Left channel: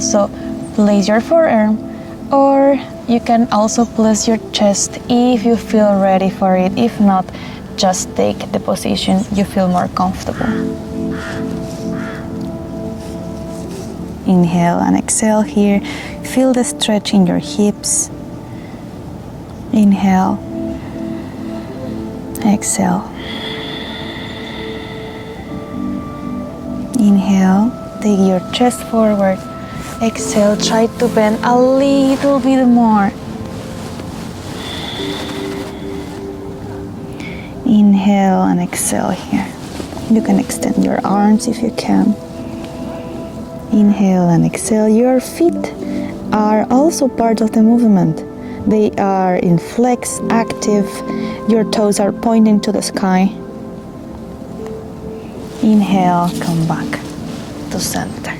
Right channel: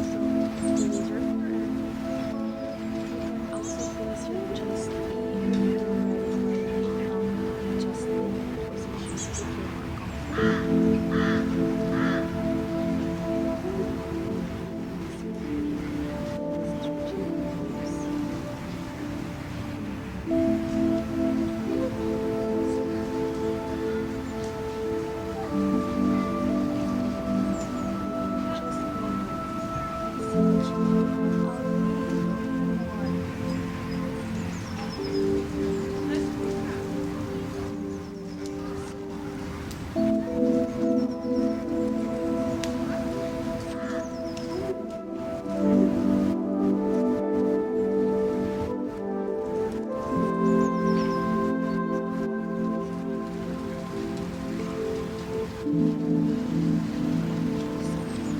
So place your forearm, or you can also place your chest if you feel ready for it. If not, just take the position you feel more comfortable. Inhale and exhale here. Feel the stretch in your hips. Inhale, exhale. Inhale, take your chest forward. Exhale, try to bend a little bit more. Inhale and exhale here. You can extend your arms if you can. Inhale and exhale. Your feet are also part of the movement. They are in flex, active. Your toes are pointing to the sky. Inhale, come back to center.